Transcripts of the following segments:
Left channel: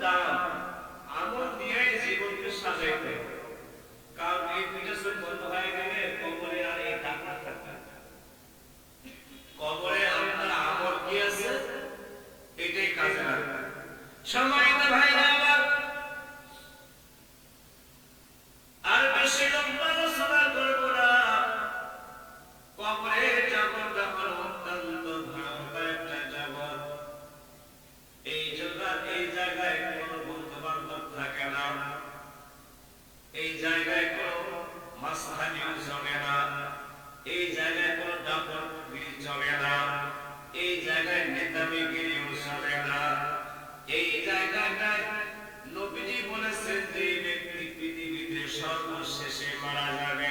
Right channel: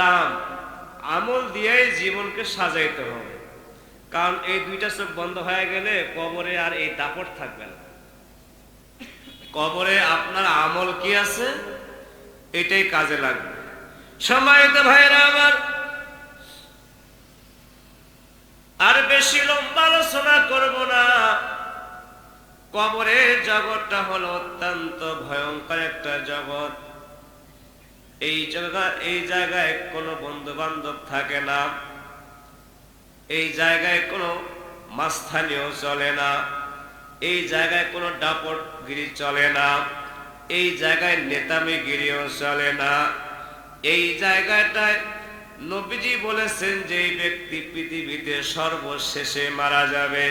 দাম, আমল দিয়েই জীবনকে সাজাইতে হবে। কারণ এই দুইটা চোখ বন্ধ হয়ে গেলে কবরে আর এই দাপট থাকবে না। কবরে আপনার আমল কি আছে এটাই কাজে লাগবে। সম্মানিত ভাইরা আমার, আর বেশি লম্বা আলোচনা করব না। কবরের জগৎটা হলো অত্যন্ত ভয়ঙ্কর একটা জগৎ। এই জায়গায় কোনো বন্ধু বান্ধব থাকে না, এই জায়গায় কোনো মাস্তানিও চলে না, এই জায়গায় কোনো দাপটগিরি চলে না, এই জায়গায় নেতামিগিরিও চলে না। এই জায়গাটায় নবীজি বলেছেন যে ব্যক্তি পৃথিবীতে সর্বশেষে মারা যাবে,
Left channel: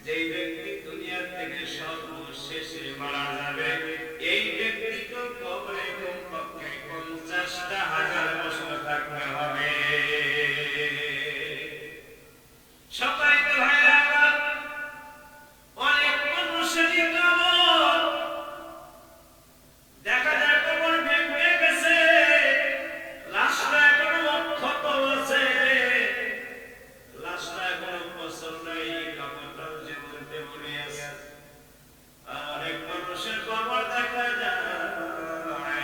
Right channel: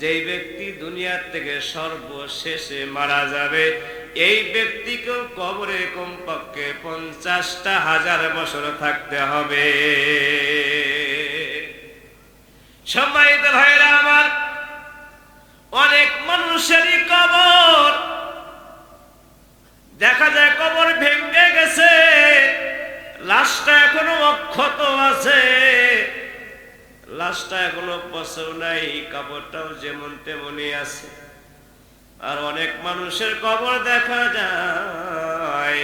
যেই ব্যক্তি দুনিয়া থেকে সর্বশেষে মারা যাবে, এই ব্যক্তিকে কবরে কমপক্ষে 50,000 বছর থাকতে হবে। সম্মানিত ভাইরা আমার, অনেক মানুষেরই কবর দেখা যায় কবর ভেঙে গেছে, লাশটা এখনো অক্ষত আছে, লাশটা এখনো পচেও নাই, কবরটাও যেমন তেমনই আছে। আর অনেক মানুষের কবর দেখা যায়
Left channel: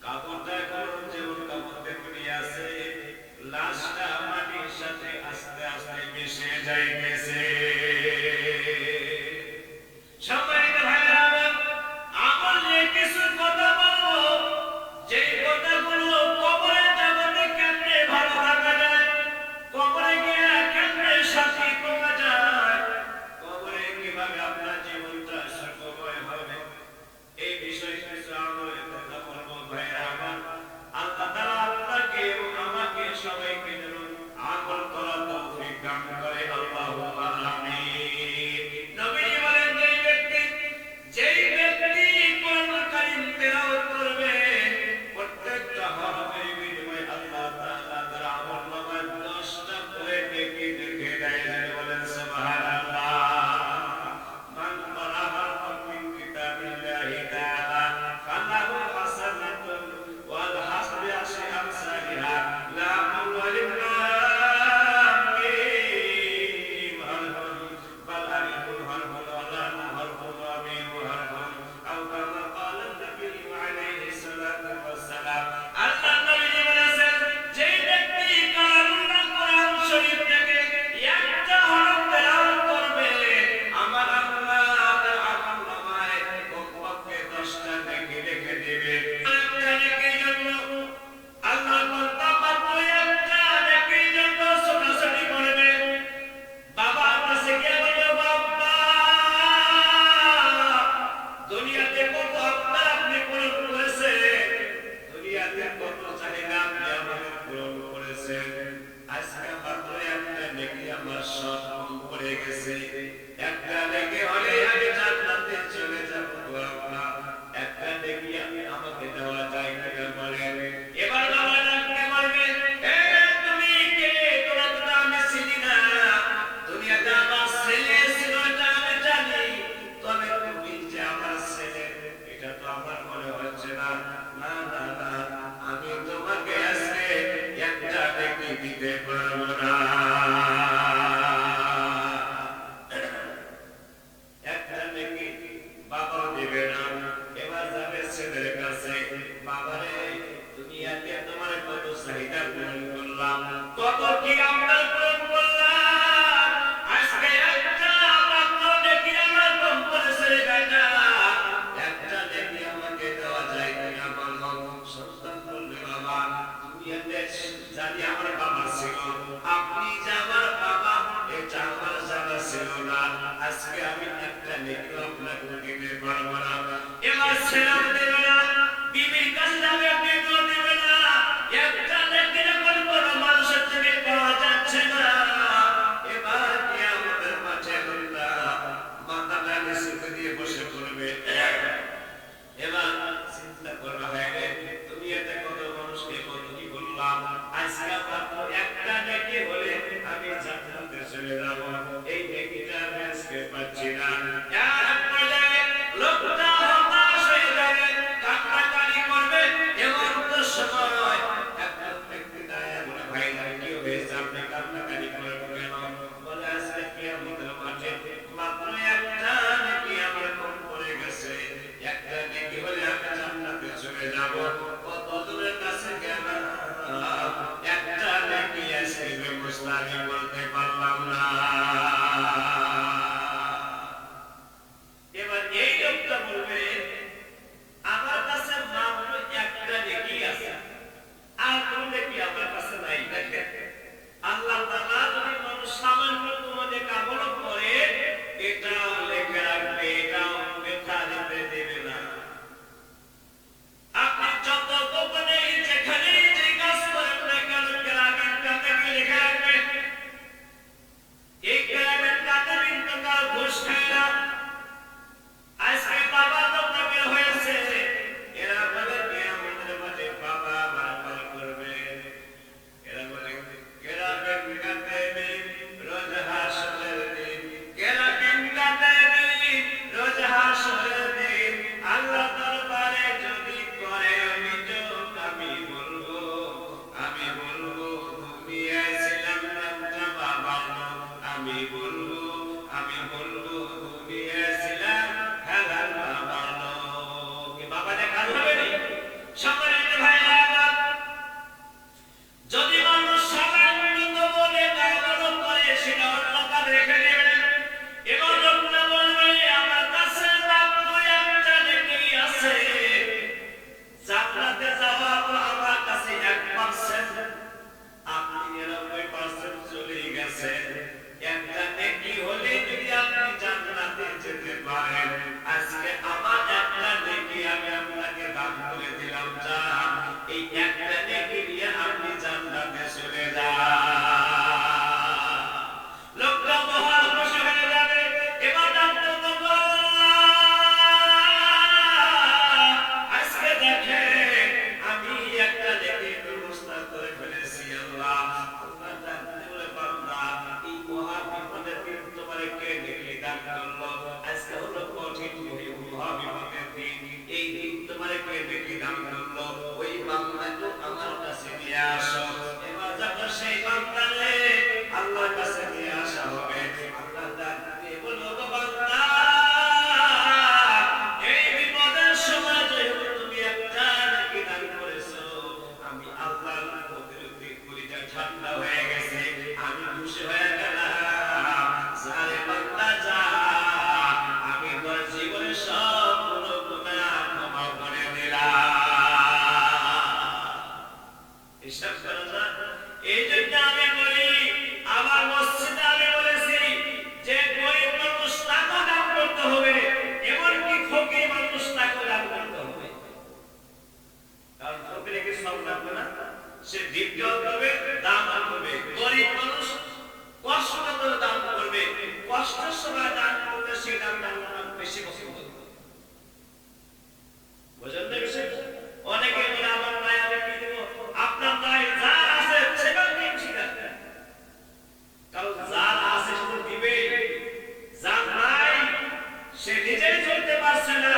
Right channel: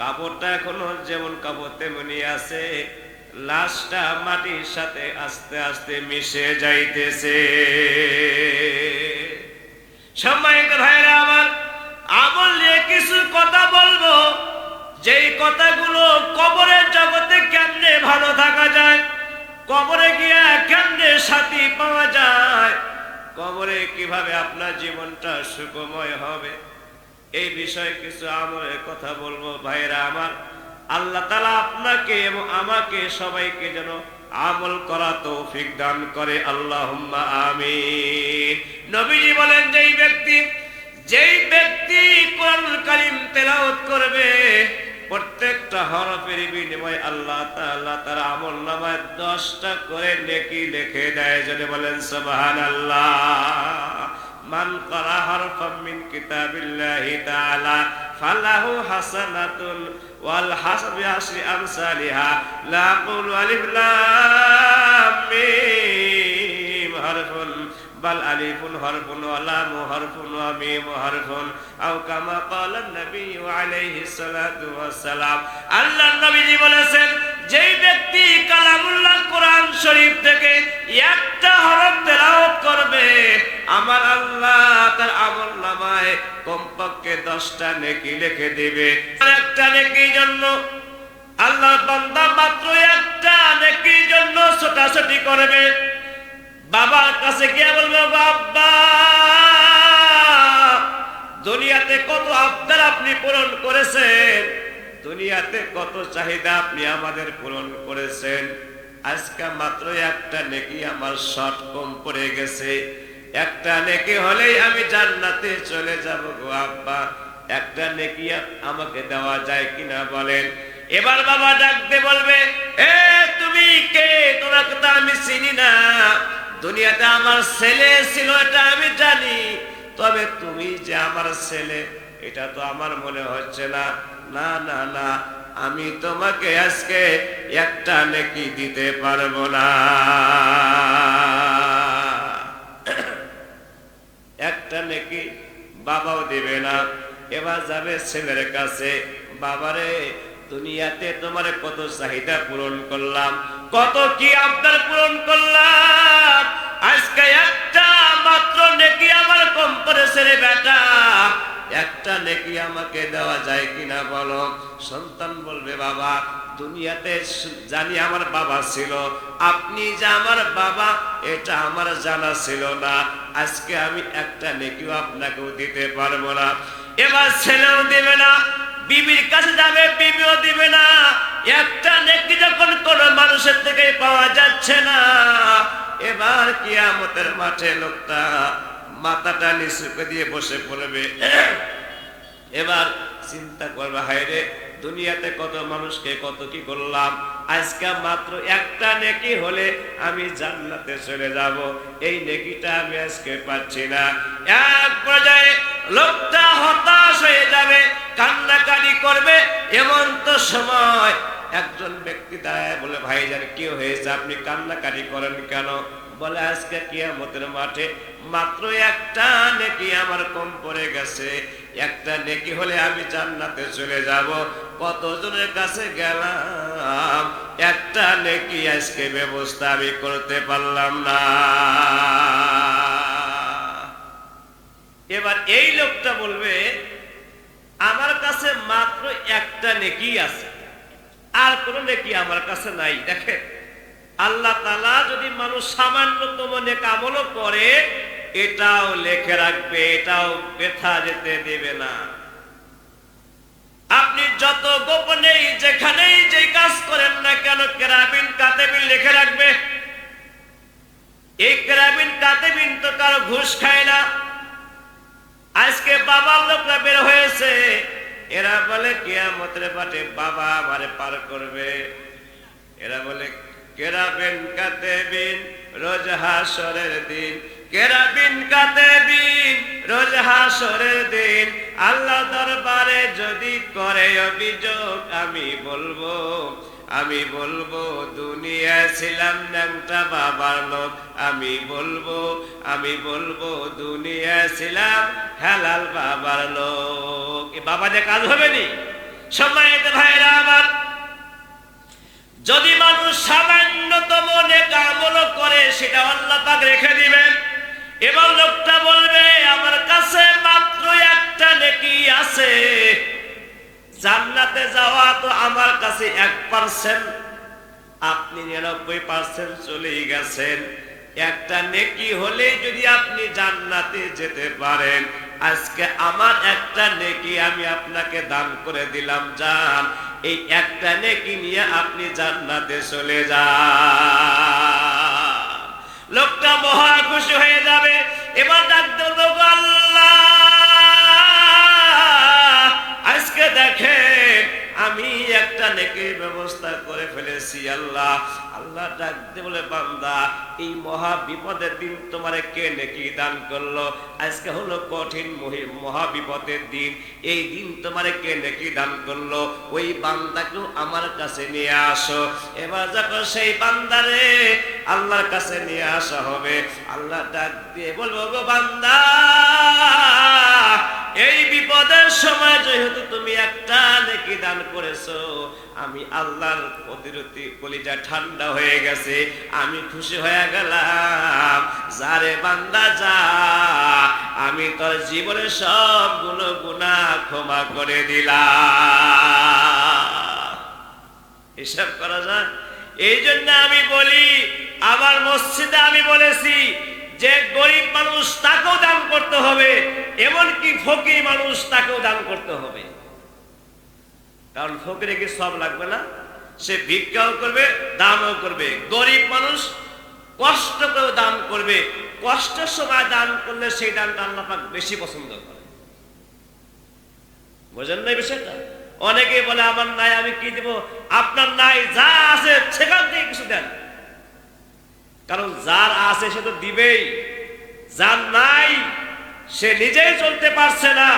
কবরটা এখনো যেমন কবর তেমনই আছে, লাশটা মাটির সাথে আস্তে আস্তে মিশে যাইতেছে। সম্মানিত ভাইরা আমার, আমল নিয়ে কিছু কথা বলবো, যেই কথাগুলো কবরের জগতে কেমনে ভালো থাকা যায়, কবরে গিয়া কেমনে শান্তি পাওয়া যায়, কবরে কিভাবে আপনার জীবনটা সুখময় হবে, এই বিষয়ে কিছু আমলের কথা বলবো। ভাইরা আমার, আল্লাহ তাআলা আপনাকে এবং আমাকে সবাইকে যেন আমল করা তৌফিক দান করে, আল্লাহুম্মা আমিন। নবীজি বলেন যেই ব্যক্তি কোরআনুল কারীম তেলাওয়াত করবে, প্রত্যেকটা হরফের বিনিময়ে আল্লাহ তাআলা তার আমলনামায় 10টা করে নেকি লিখে দেয়। যদি বলেন সুবহানাল্লাহ। মান ক্বারা হারফাম মিন কিতাবিল্লাহি তাআলা ফালাহু হাসানাতুন ওয়াল হাসবি আশরি আমসালিহা লা আকুলু আলিফ লাম মিম হারফুন বাল আলিফুন হারফুন ওয়া লাম হারফুন ওয়া মিম হারফুন আও কামা ক্বালা নবী আলাইহিস সালাতু ওয়াস সালাম। আল্লাহর নবীজি বলেছেন, যেই ব্যক্তি কালামুল্লাহ কোরআন শরীফ থেকে একটা হরফ তেলাওয়াত করবে, আমার আল্লাহ তার আমলনামায় কমপক্ষে 10টা নেকি লিখে দিবে। একটা নেকির জন্য আল্লাহর বান্দা মাত্র একটা নেকির জন্য ছোটাছুটি করবে। বাবার কাছে গিয়ে বলবে, বাবা দুনিয়াতে কত আবদার আপনি পূরণ করেছেন, দুনিয়াতে কত চাহিদা আপনি আমাদের পূরণ করেছেন, আজকে মাত্র একটা নেকি আমার শর্ট কম পড়ে গেছে, একটা নেকি হলেই আমি জান্নাতে চলে যাব গো আব্বা, একটা নেকি আমাকে দেওয়া যায় কিনা বলেন। এবার বাবা ডাকতে বলবে, এ তুমি কে? তোমাকে তো আমি চিনি না, দুনিয়াতে আমার ছেলে ছিল এটা আমি জানি, তবে তুমি যে আমার ছেলে এটা তো আমার মনে হচ্ছে না। না না না, আমি তোমাকে আজকে একটা নেকি দিতে পারবো না, একটা নেকি বাবাও দিবে না। এবার যাবে ছেলের কাছে, বাবারে দুনিয়াতে তোমার কত চাহিদা পূরণ করলাম, কত কি আপনার পূরণ করলাম, আজকে একটা মাত্র নেকি আমার কম করেছে রে বেটা, একটা নেকি আমাকে দেওয়া যায় কিনা বলো। সন্তান বলবে, বাবা দুনিয়াতে জানি আমার বাবা ছিল, আপনি যে আমার বাবা এটা আমার জানা ছিল না, আজকে আমি একটা নেকিও আপনাকেও দিতে পারবো না। এবার ছেলেও দিবে না, বিবির কাছে যাবে, বিবিও দিবে না। একটা নেকি যখন কোন মানুষের থেকে পাওয়া যাচ্ছে না, এবার কিয়ামতের মাঠে লোকটা মাথাটা নিচু দিয়ে বসে পড়বে। এবার চিন্তা করবে, হায় রে দুনিয়াতে কত মানুষকে কত কি করলাম, আজকে মাত্র একটা নেকি হলে আমি জান্নাতে চলে যাব, এই নেকিটা আমি আজকে পাচ্ছি না। এক পর্যায়ে লোকটা হতাশ হয়ে যাবে, কান্নাকাটি করবে, এমন তো সময় একজন ব্যক্তি দাঁড়ায় বলে, ভাইজান কি হয়েছে, আপনি কান্নাকাটি করেন কেন? বলে, আজকে কিয়ামতের মাঠে মাত্র একটা নেকি আমার কম পড়ে গেছে, একটা নেকি হলে আমি জান্নাতে চলে যাব। কতজনের কাছে গেলাম, একটা নেকি আজকে ব্যবস্থা আমি করতে পারলাম না। এবার এই লোকটা বলবে, আমার কাছে মাত্র একটা নেকি আছে, আর কোন নেকি আমার কাছে নাই। দেখেন, আল্লাহ তাআলা যদি মানুষ সামান্যতম নেক আমলও করে, এটাও লিখে রাখবে, এটাও ব্যথা যেতে দেবে না। আপনি যত গোপনে যেখানেই যে কাজ করেন না কেন, কিরামিন কাতিবিন লিখে রাখবে। এই কিরামিন কাতিবিন তো কারো ঘুষ খায় না। আজকে বাবা লোকরা বের হয়েছে, এরা বলে কিয়ামতের মাঠে বাবা আমারে পার করবে। এরা বলে কিরামিন কাতিবিন রোজ হাসরের দিন, কিরামিন কাতিবিন রোজ হাসরের দিন আল্লাহ দরবারে যদি করে অভিযোগ, আমি বলবো দুনিয়ায় ছিলাম ন্যাংটা বাবার লোক, আমি বলবো দুনিয়ায় ছিলাম হালাল বাবার লোক। বাবা যে কাজ হবে নি। সম্মানিত ভাইরা আমার, যদি মানুষ সামান্যতম নেক আমল করে, সেটা আল্লাহ পাক রেখে দিবেন। এবং লোকটা বলবে, আমার কাছে মাত্র একটা নেকি আছে, জান্নাতে যাওয়া তো আমার কাছে 1%, আপনি 99% চলেই গেছেন। একটা নেকি হলে যদি আপনি জান্নাতে যেতে পারেন, আজকে আমার একটা নেকি আমি আপনাকে দান করে দিলাম, যান এই একটা নেকি নিয়ে আপনি জান্নাতে চলে যান। লোকটা মহা খুশি হয়ে যাবে। এবার ডাকতে লোক, আল্লাহ আজকে দেখেন আমি একটা নেকির ব্যবস্থা করে ফেলেছি। আল্লাহ ডাকতে বলে, বান্দা এই মহা বিপদের দিন তোমারে কে নেকি দান করলো? আজকে হলো কঠিন মহা বিপদের দিন, এই দিন তোমারে কে নেকি দান করলো? ওই বান্দাকে আমার কাছে নিয়ে আসো। এবার যখন সেই বান্দারে আল্লাহর কাছে নিয়ে আসা হবে, আল্লাহ ডাক দিয়ে বলবো, গো বান্দা, এই বিপদের সময় যেহেতু তুমি একটা নেকি দান করেছো, আমি আল্লাহর প্রতিরতি কলিজা ঠান্ডা হয়ে গেছে, আমি খুশি হয়ে গেলাম। যারে বান্দা যা, আমি তোর জীবনের সবগুলো গুনাহ ক্ষমা করে দিলাম। হিসাব করা যায়। এই জন্য আমি বলি, আমার মসজিদে আমি বলেছি যে গরিব মানুষ তাকেও দান করতে হবে, এমনকি ফকির মানুষ তাকেও দান করতে হবে। কারণ ফকিরে কি সব লাগবে না, সে ভিক্ষাও করবে, দানও করবে। গরিব মানুষ কষ্ট করে দান করবে, কষ্টের সময় দান করলে সেই দানটা আল্লাহ পাক বেশি পছন্দ করে। বুঝেন না বিষয়টা? অনেকে বলে আমার নাই, আমি কি দেব? আপনার নাই, যা আছে সেখান থেকে কিছু দেন। কারণ যার আছে সে তো দিবেই, যার নাই সে নিজেই চলতে পারছে না,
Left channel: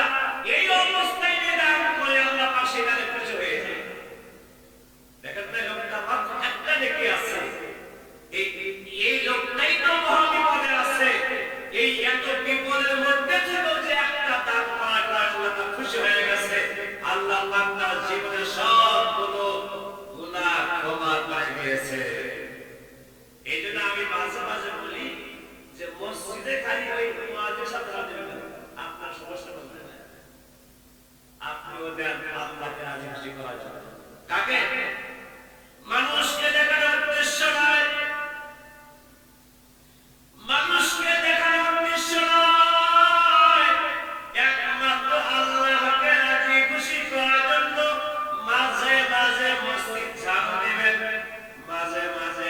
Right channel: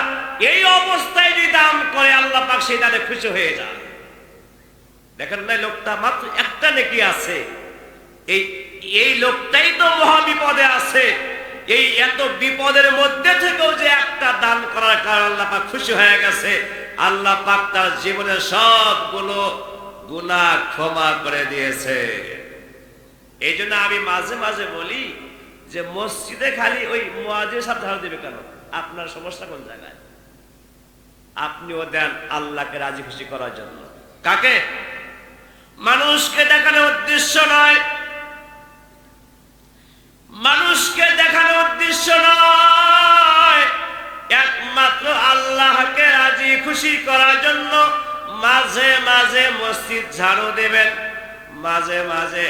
এই অবস্থায় যদি দান করে আল্লাহ পাক সেই দানে খুশি হয়ে যায়। দেখেন না, লোকটা মাত্র একটা নেকি আছে, এই লোকটাই তো মহা বিপদে আছে। এই এত বিপদের মধ্যে থেকেও যে একটা দান করার কারণে আল্লাহ পাক খুশি হয়ে গেছে, আল্লাহ পাক তার জীবনের সবগুলো গুনাহ ক্ষমা করে দিয়েছে। এই জন্য আমি মাঝে মাঝে বলি যে মসজিদে খালি ওই মুয়াজ্জিন সাহেব ধারা দেবে কেন? আপনার সমস্যা কোন জায়গায়? আপনিও দেন আল্লাহকে রাজি খুশি করার জন্য। কাকে? মানুষকে দেখানোর উদ্দেশ্য নয়, মানুষকে দেখানোর উদ্দেশ্য নয়, একমাত্র আল্লাহকে রাজি খুশি করার জন্য মাঝে মাঝে মসজিদ ঝাড়ু দেবেন, মাঝে মাঝে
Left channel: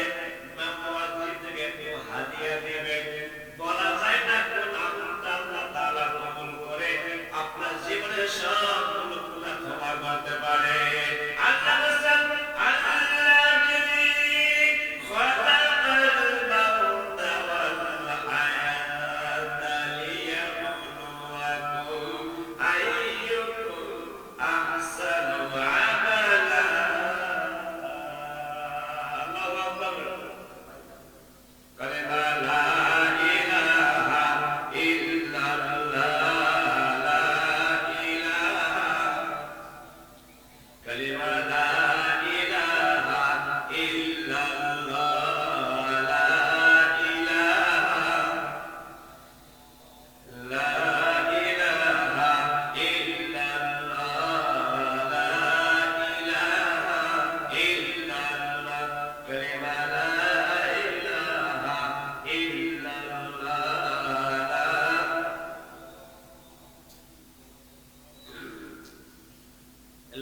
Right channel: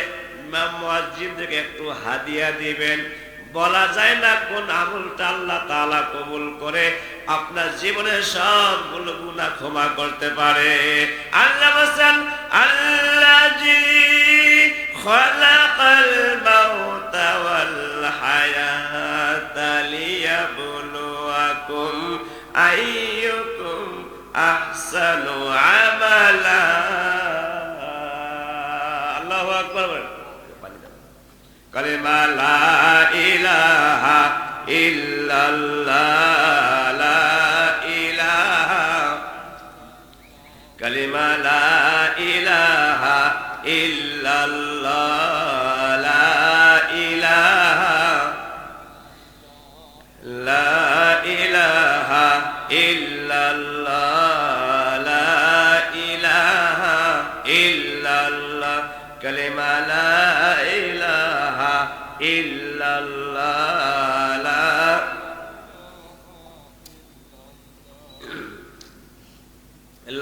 মুয়াজ্জিনকে একটু হাদিয়া দিবেন। বলা যায় না কোন আমলটা আল্লাহ তাআলা কবুল করে আপনার জীবনের সবগুলো গুনাহ ক্ষমা করতে পারে। আল্লাহ বলেন, আল্লাযী খালাকাল মাউতা ওয়াল হায়াতা লিয়াবলুয়াকুম আইয়ুকুম আহসানু আমালা। কালিমা লা ইলাহা ইল্লাল্লাহ, লা ইলাহা, লা ইলাহা ইল্লাল্লাহ, লা ইলাহা ইল্লাল্লাহ, কালিমা লা ইলাহা ইল্লাল্লাহ,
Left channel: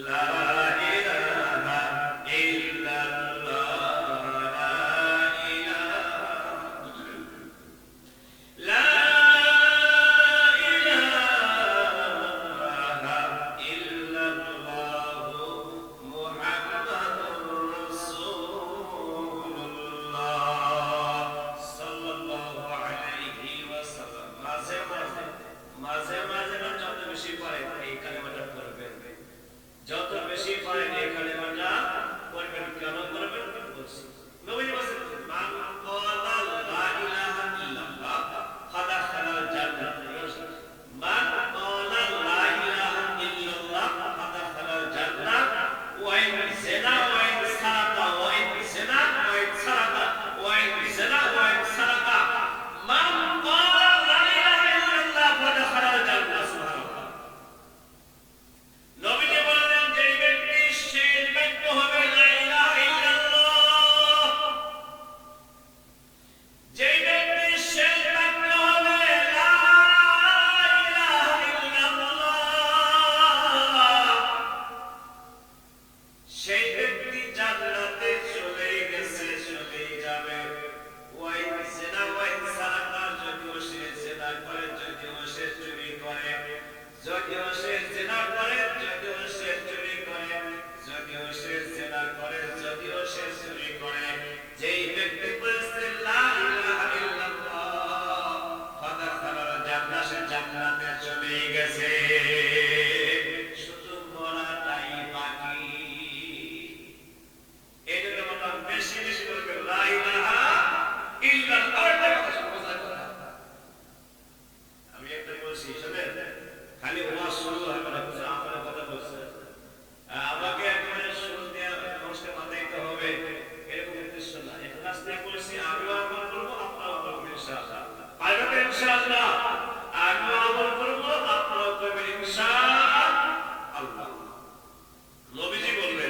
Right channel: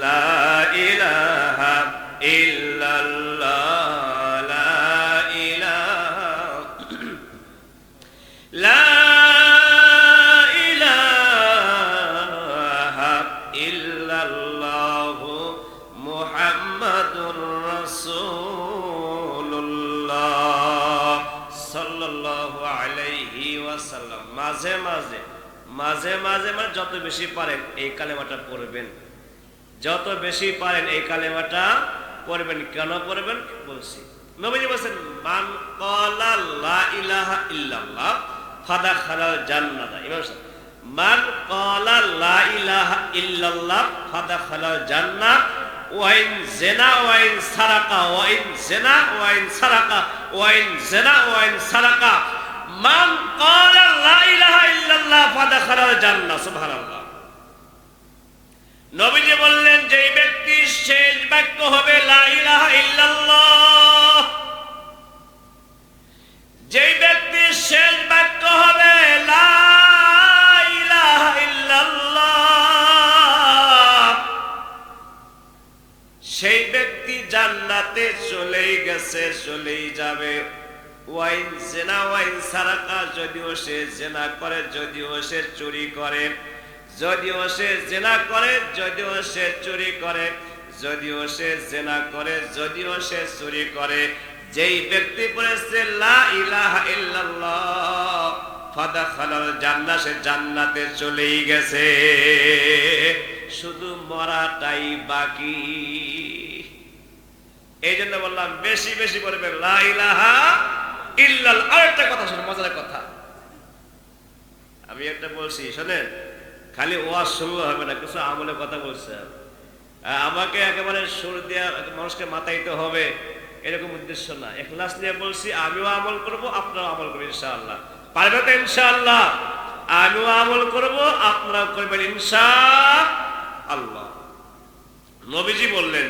লা ইলাহা ইল্লাল্লাহ, লা ইলাহা, লা ইলাহা ইল্লাল্লাহ, মুহাম্মাদুর রাসূলুল্লাহ সাল্লাল্লাহু আলাইহি ওয়াসাল্লাম। মাঝে মাঝে মানে যত বেশি পারেন এই কালেমাটা পড়বেন, যত বেশি পারেন এই কালেমাটা পড়বেন। কেন পড়বেন বলছি, নবীজি বলেছেন মান ক্বালা লা ইলাহা ইল্লাল্লাহ ফাদাখালাল জান্নাহ। মান ক্বালা লা ইলাহা ইল্লাল্লাহ ফাদাখালাল জান্নাহ ওয়া ইন জিনা ওয়া ইন সারাকা ওয়া ইন জিনা ওয়া ইন সারাকা ওয়া ইন জিনা ওয়া ইন সারাকা মান ক্বালা লা ইলাহা ইল্লাল্লাহ ফাদাখালাল জান্নাহ। সুবহানাল্লাহ। নবীজি বললেন যেই ব্যক্তির শেষ বাক্য হবে লা ইলাহা ইল্লাল্লাহ, যেই ব্যক্তির শেষ বাক্য হবে লা ইলাহা ইল্লাল্লাহ, সেই ব্যক্তি জান্নাতে চলেই গেছে, চলেই যাবে। ওয়াইন জিনা ওয়াইন সারাকা, যদিও সে জিনা করে, যদিও সে চুরি করে, যদিও সে জিনা করে, যদিও সে চুরি করে, যদিও সে জিনা করে, যদিও সে চুরি করে, যেই ব্যক্তি পড়েছে লা ইলাহা ইল্লাল্লাহ ফাদাখালাল জান্নাহ, সে জান্নাতে চলেই গেছে, শুধু মরাটাই বাকি। এই জন্য বললাম বেশি বেশি পড়বেন লা ইলাহা ইল্লাল্লাহ। আরেকটা কথা শুনে, মজার কথা আমি একটা বলছি, শোনেন, খালি ওয়াজ শুরু হবে না, কিছু আমলের কথা বলছে। আমাকে একেবারে সুর দিয়া মানুষকে মাতাইতে হবে এরকম উদ্দেশ্য না, ইখলাস নিয়ে বলছি। আমিও আমল করব, আপনারাও আমল করবেন ইনশাআল্লাহ। পারবেন তো ইনশাআল্লাহ? আমিও আমল করব, আপনারাও করবেন ইনশাআল্লাহ। নবীজি বললেন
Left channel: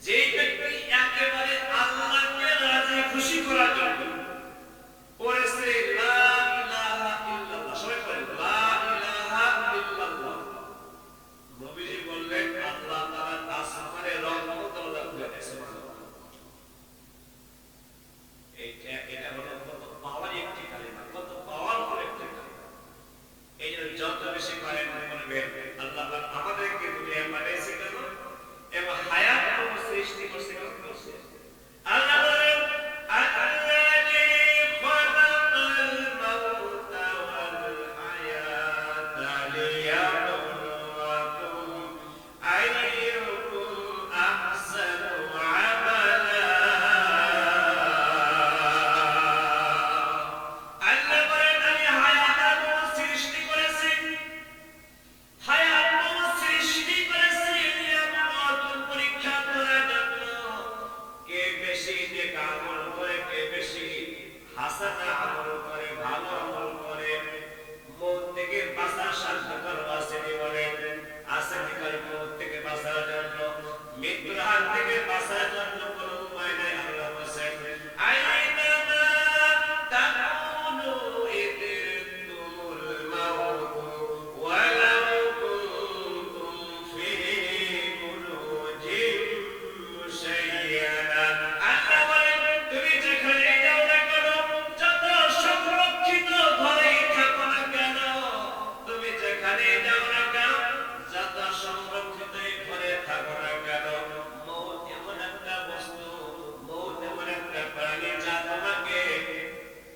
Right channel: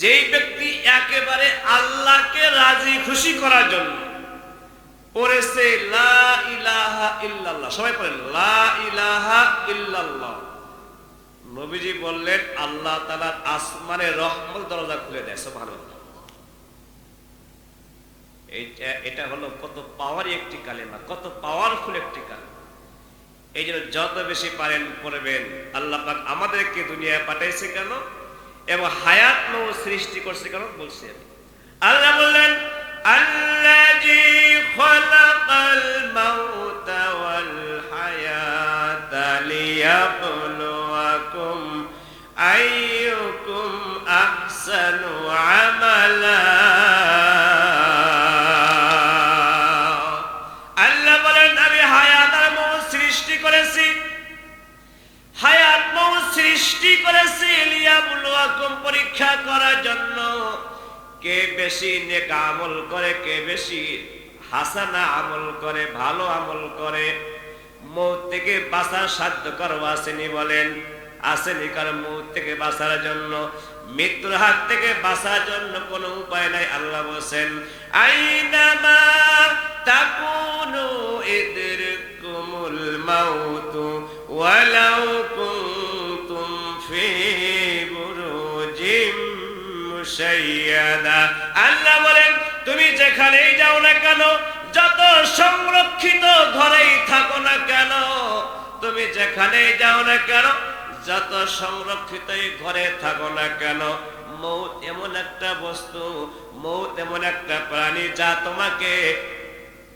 যেই ব্যক্তি একেবারে আল্লাহকে রাজি খুশি করার জন্য পড়েছে লা ইলাহা ইল্লাল্লাহ, সবাই পড়েন লা ইলাহা ইল্লাল্লাহ, নবীজি বললেন আল্লাহ তাআলার আসমানে রহমত দরজা খুলে দেয়। সুবহানাল্লাহ। এটা হলো কত পাওয়ারি একটি কালেমা, কত পাওয়ারফুল একটি কালেমা। এই জন্য যত বেশি পারেন পড়বেন। আল্লাহ পাক আমাদেরকে দুনিয়ায় পাঠাইছে কেন এবং হায়াত নূর সৃষ্টি করছে কেন বলছে। আল্লাহ বললেন আল্লাযী খালাকাল মাউতা ওয়াল হায়াতা লিয়াবলুয়াকুম আইয়ুকুম আহসানু আমালা। আল্লাহ বলেন আমি হায়াত আর মৌত সৃষ্টি করেছি, হায়াত মৌত সৃষ্টি করেছি লিয়াবলুয়াকুম, পরীক্ষা করার জন্য কে বেশি নেক আমল করে, কে বেশি হাসানা আমল করে, ভালো আমল করে। মৌত থেকে বাঁচার সাধ্য কারো আসেনি? বলেন আসেনি? কারণ মৌত থেকে বাঁচার জন্য, মৃত্যুর হাত থেকে বাঁচার জন্য কোনো উপায় নাই। আল্লাহ বলেন আইনামা তাকুনু ইদরিকুমুল মাউত ওয়ালাউ কুনতুম ফি বুরুজিম মুশাইয়াদা। আল্লাহ বলেন তুমি যেখানেই যাও না কেন, যত সংরক্ষিত ঘরেই থাকো না কেন, তুমি যেখানেই যাও না কেন, যত সংরক্ষিত ঘরে থাকো না কেন, মৌত এমন একটা বস্তু, মৌত এমন একটা প্রাণী যা তোমাকে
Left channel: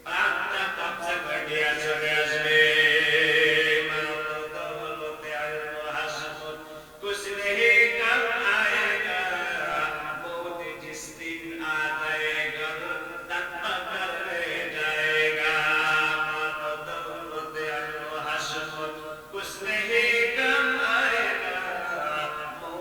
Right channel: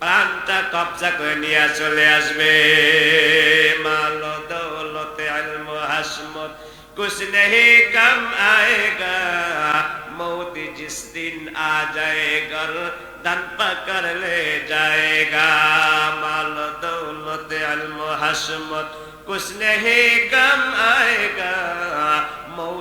প্রাণটা কবজা করে নিয়ে চলে আসবে। মাল দৌলতে ইলম হাসমত কুছ नहीं कम आएगा, मौत जिस दिन आ जाएगा दन पकड़ ले जाएगा। माल दौलत इल्म हशमत कुछ नहीं कम आएगा, मौत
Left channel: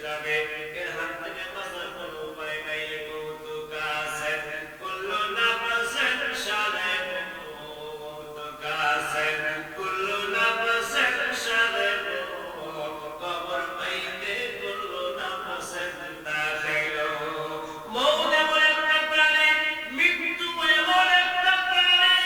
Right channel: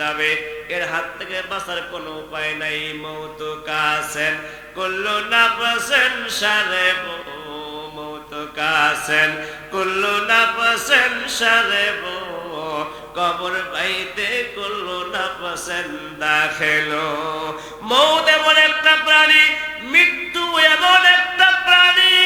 যাবে, এর হাত থেকে বাঁচার কোনো উপায় নাই। মৌতু কাসেন কুল্লু নাফসিন শারিবু, মৌতু কাসেন কুল্লু নাফসিন শারিবু, কবর পাইতে কুল্লু নাফসিন দাখিলু। মৌত এমন একটা প্রাণী, মৃত্যু এমন একটা প্রাণী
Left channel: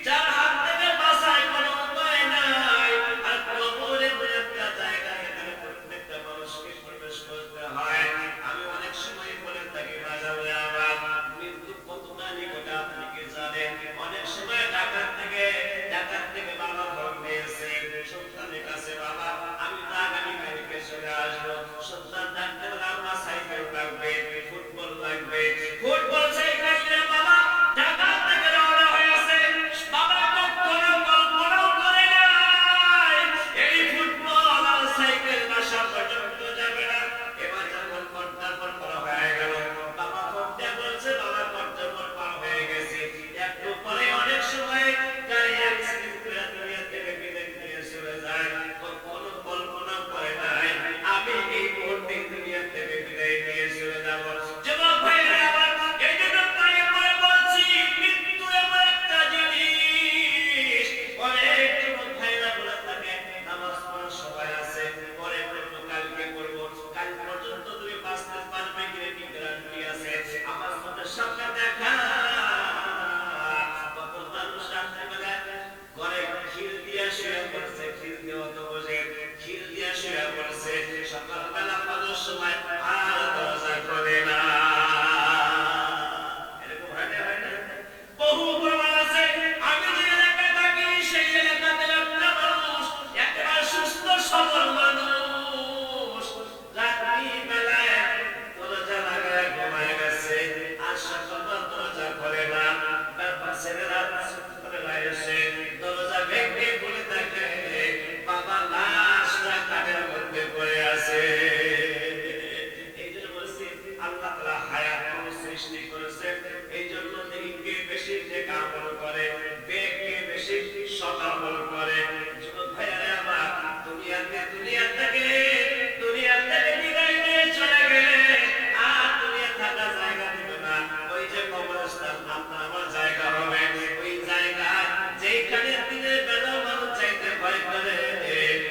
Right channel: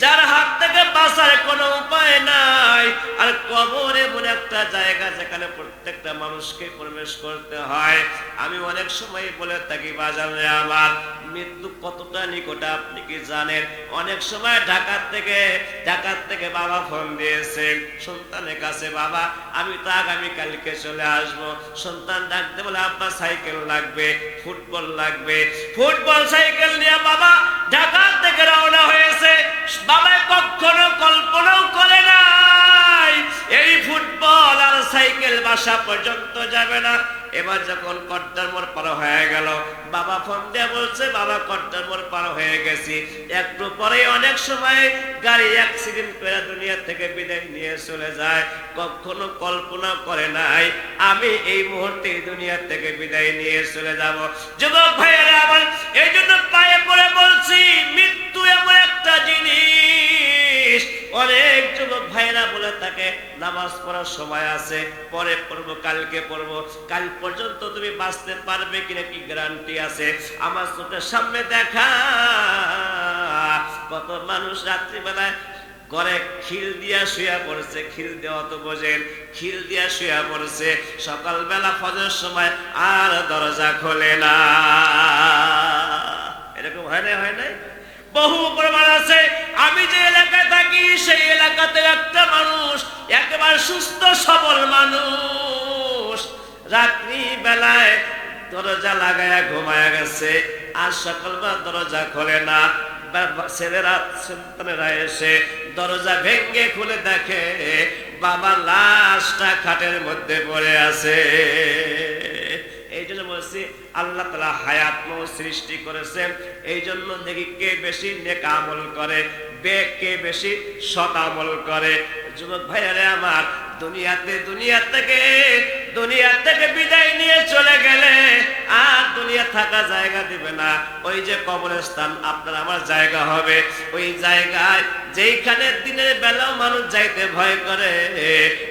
যার হাত থেকে বাঁচার কোনো উপায় নাই। আর কবর এমন একটা জায়গা যেখানে প্রত্যেকটা মানুষকে প্রবেশ করতে হয়। আমি অনেক সময় বলে থাকি বাজারে আমার মৃত্যু কতটা নিকট আপনি কি জানেন? অনেক সময় ঢাকার থেকে বাবা ফোন দিয়েছে সন্তানের কাছে, বাবা আমি তো আগামীকালকে চলে আসবো। সন্তান ডাকতে বলে আপনার সাইকেল লাগবে, ফুটবল লাগবে। ফুটবল সাইকেল নিয়ে বাবা ঢাকার থেকে রওনা হয়েছে। বাবা কখনো কল্পনাও করে নাই এই ফুটবল আর সাইকেল বাসা পর্যন্ত যাবে না। এবার যখন কর্তার মোড় পার হয়ে গেল, বাবা ফোন দিয়ে বলছে বাবা কর্তার মোড় পার হয়ে গেছি। একটু পরে অনেক সময় গাড়ি অ্যাক্সিডেন্ট করে দুনিয়া থেকে বিদায় নিয়ে চলে যায়। কখনো কল্পনা করে নাই আমি এই মুহূর্তে দুনিয়া থেকে বিদায় নিয়ে চলে যাব। যুবক ভাইয়েরা আমার, এই জন্য পায়ে পড়ে বলছি মৃত্যু এমন একটা জিনিস। অনেক যুবক ভাইরা বলে থাকে নামাজ পড়ার সময় আছে, পরে পড়বো, কালকে পড়বো। কাল পর্যন্ত তুমি বাঁচতে পারবে কিনা কি গ্যারান্টি আছে? আমার চোখের সামনে দেখা কত মানুষ রাত্রিবেলায় ঘরে খিল দিয়া শুয়া পড়ছে। খিল দেওয়া তো বোঝেন, খিল দিয়া শুয়া পড়ছে। সকালবেলা ফজরের সময় আর দরজা খোলে না। এরকম হয় না? হয় না? বহু প্রমাণ আছে। আমি যে এলাকায় থাকি সেই এলাকাতে একটা মানুষ, একেবারে সুস্থ সবল মানুষ, রাত্রি বেলায় দরজা লাগায়া ঘুমায়া গেছে। আর সকালবেলা দরজা খোলে না। ছেলেরা সন্তানেরা এসে দরজা ভেঙে খুলে দেখে বাবার লাশটা খাটের মধ্যে পড়ে আছে। এই জন্য বলছি আল্লাহ তাআলা হায়াত সৃষ্টি করেছেন। এই জন্য দেখি কে বেশি নেক আমল করে, কে বেশি সৎ আমল করে। যুবক ভাইয়ারে আমার, দুনিয়া থেকে বিদায় নিয়ে চলে গেলে আর দুনিয়া থাকা জায়গা দিবে না। ওই যে কবরস্থান আপনার আমার জায়গা হবে, ওই জায়গায় যেইখানে দিনের বেলা মানুষ যাইতে ভয় করে,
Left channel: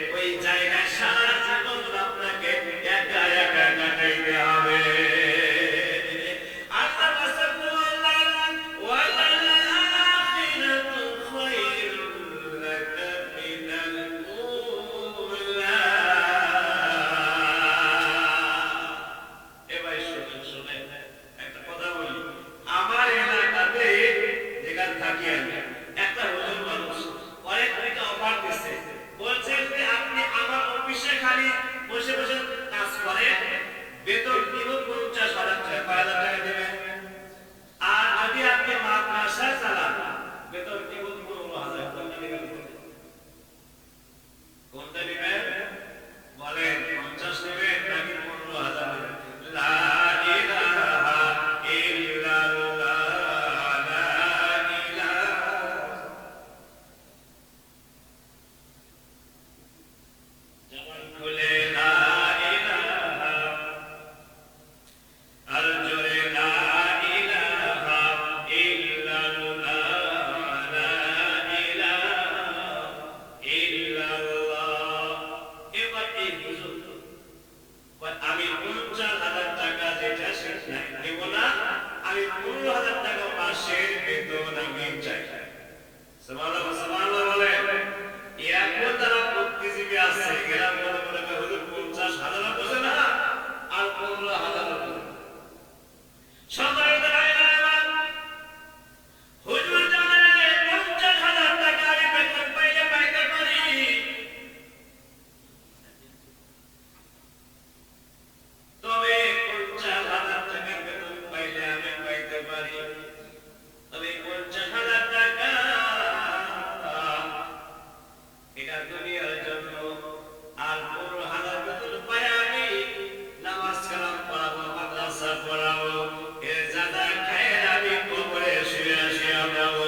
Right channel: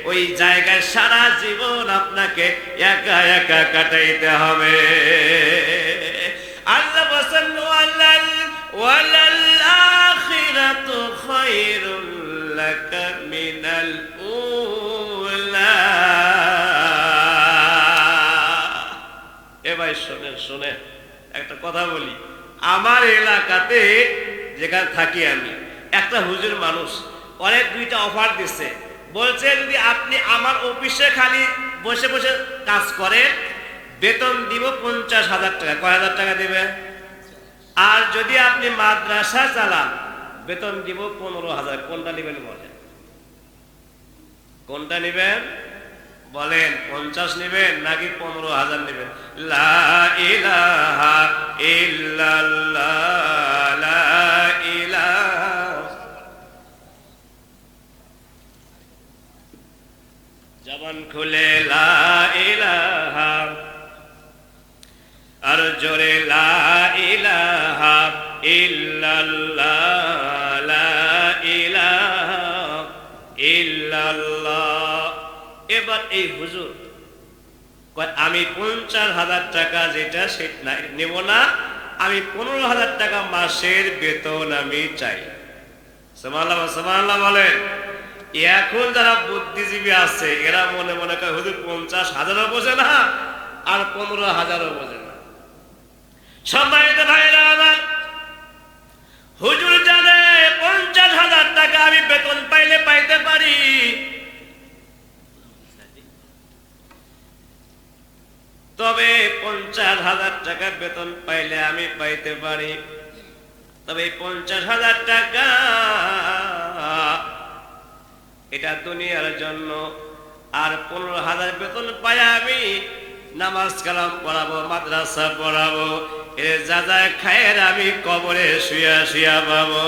ওই জায়গায় সারা জীবন আপনাকে একা একা কাটাইতে হবে। আল্লাহ বলেন ওয়ালাল আখিরাতু খায়রুল লাকা মিনাল উলা। এবার শুনে একটা কথা বলি। আমার এলাকাতে যেখানে থাকি আমি, একটা হুজুর মানুষ অনেক দুইটা অফার দিচ্ছে। বলছে যদি আপনি আমার অফিসে খালি বসে বসে কাজ করেন বেতন দিব 50,000 টাকা। কয় হাজার টাকা দিবে? আর যদি আপনি মাদ্রাসা চালান বেতন দিব 15,000। কোনটা নেবেন বলেন? কোনটা নেবেন বলেন? 50 নেবেন নাকি 15,000 নেবেন? লা ইলাহা ইল্লাল্লাহ, লা ইলাহা। জবান খুলে লা ইলাহা, আর জোরে লা ইলাহা ইল্লাল্লাহ, লা ইলাহা ইল্লাল্লাহ। এবার এই হুজুর কয় আমি 50,000 টাকা যেটা সেটা নেব না, আমি 15,000 টাকা মাসের বেতন আমি চাই। সুবহানাল্লাহ, সুবহানাল্লাহ বলে। এখন যারা বুদ্ধিজীবী আছে এরা মনে মনে করে হুজুর 50,000ও বোঝে না আর 15,000ও বোঝে না। সম্মানিত ভাইরা আমার, হুজুর জানে 50,000 টাকা আমি বেতন পাইলে পাইতে পারি, তবে 50,000 টাকা বেতন পাইলে আমি পাইতে পারি, তবে 50,000 টাকা এটা দুনিয়ার জন্য। আর 15,000 বেতন পাই আমি নামাজ কালাম পড়াবো, মাদ্রাসা পড়াবো, এর যা যা খায়ের আমি কবরে শুয়া শুয়া পাবো।